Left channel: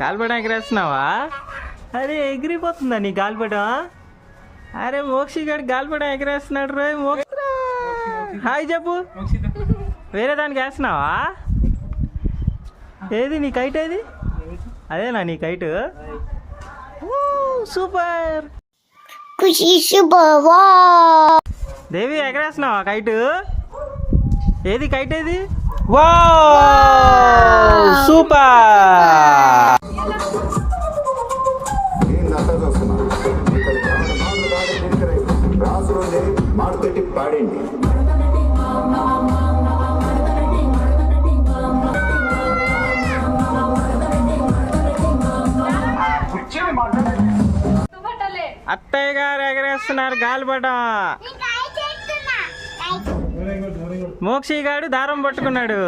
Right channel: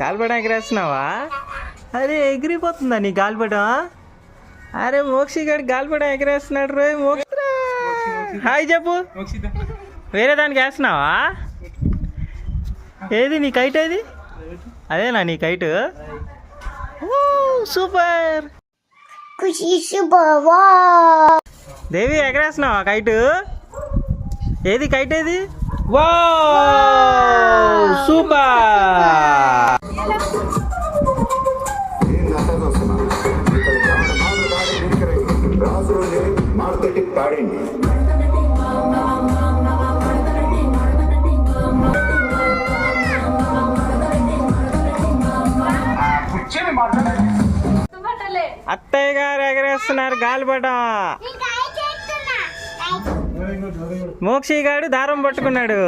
గాలిపటం ఎగరేస్తున్నావా? అరే ఎగిరిపోతుందా నీ గాలిపటం? అరే మోక్షి గారు గాలిపటం ఎగరేస్తున్నాడు రోయ్. మోక్ష హాయ్ చెప్పు. వేరే దానికి వేస్తున్నావా? ఏది నీ కైట్? ఏది అదేనా నీ కైట్? సూపర్. దేవి ఎగరేస్తున్నావా కైట్? ఏది కైట్? ఏది? Wow super. మార్కెటింగ్ పాడండి. అత్తయ్య గారు ఎగరేస్తున్నారు గాలిపటం. మోక్షి గారు దారం పట్టుకున్నాడు.